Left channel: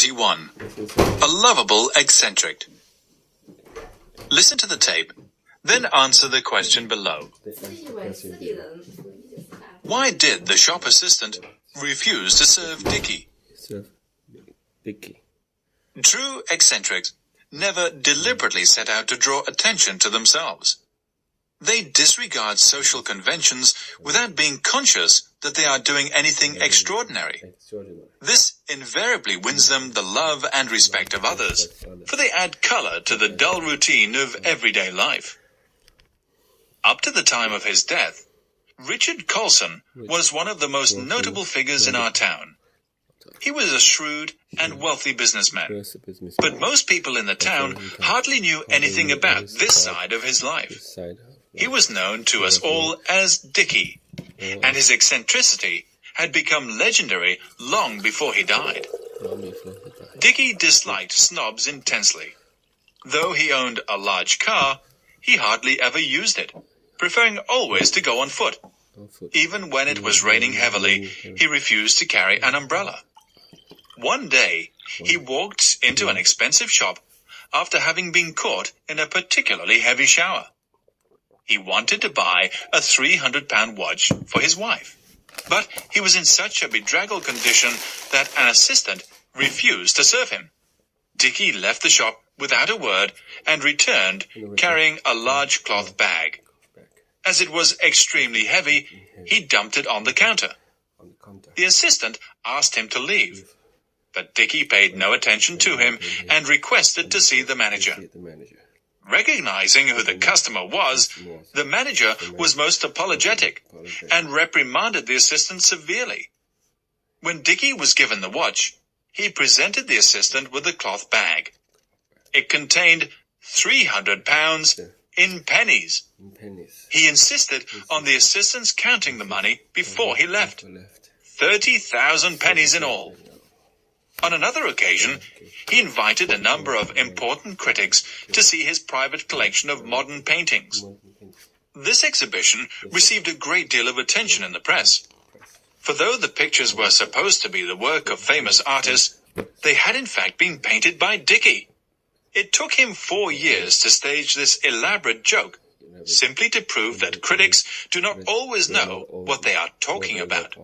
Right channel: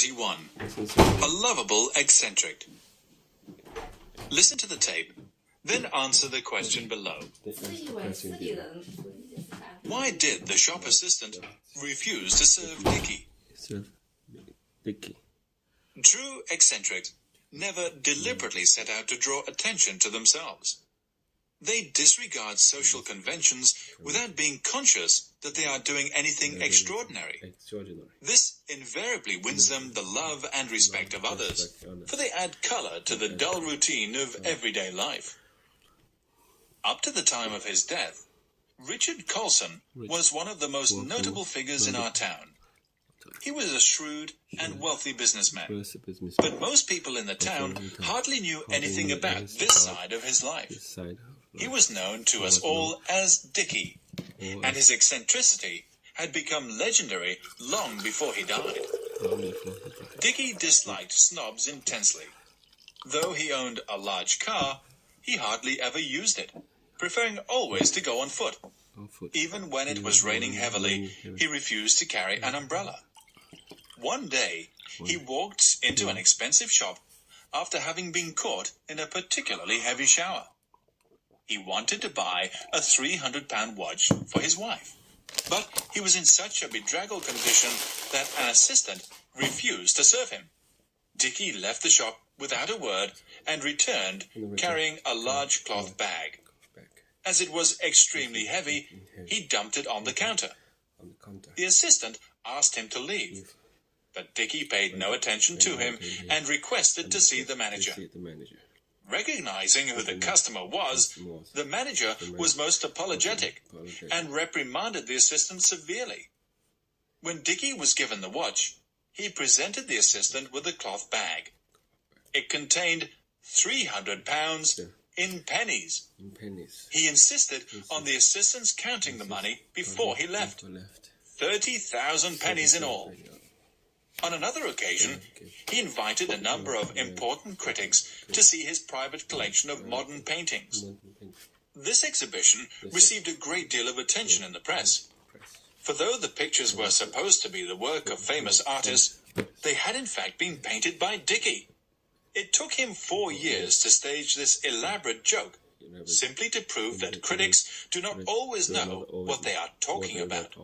31. A lovable eccentric. Listen to the tape, then answer the question below. Why did the shop assistant refuse to serve Dickie? True eccentrics never deliberately set out to draw attention to themselves. They disregard social conventions without being conscious that they are doing anything extraordinary. This invariably wins them the love and respect of others, for they add color to the dull routine of everyday life. Up to the time of his death, Richard Colson was one of the most notable figures in our town. He was a shrewd and wealthy businessman, but most people in the town hardly knew anything about this side of his life. He was known to us all as Dickie, and his eccentricity had become legendary long before he died. Dickie disliked snobs intensely. Though he owned a large car, he hardly ever used it, preferring always to go on foot. Even when it was raining heavily, he refused to carry an umbrella. One day, he walked into an expensive shop after having been caught in a particularly heavy shower. He wanted to buy a £300 watch for his wife, but he was in such a bedraggled condition that an assistant refused to serve him. Dickie left the shop without a word and returned carrying a large cloth bag. As it was extremely heavy, he dumped it on the counter. The assistant asked him to leave, but Dickie paid no attention to him and requested to see the manager. Recognizing who the customer was, the manager was most apologetic and reprimanded the assistant severely. When Dickie was given the watch, he presented the assistant with the cloth bag. It contained £300 in pennies. He insisted on the assistant's counting the money before he left. 30,000 pennies in all. On another occasion, he invited a number of important critics to see his private collection of modern paintings. This exhibition received a great deal of attention in the press. For though the pictures were supposed to be the work of famous artists, they had in fact been painted by Dickie. It took him 4 years to stage this elaborate joke, simply to prove that critics do not always know what they are talking about.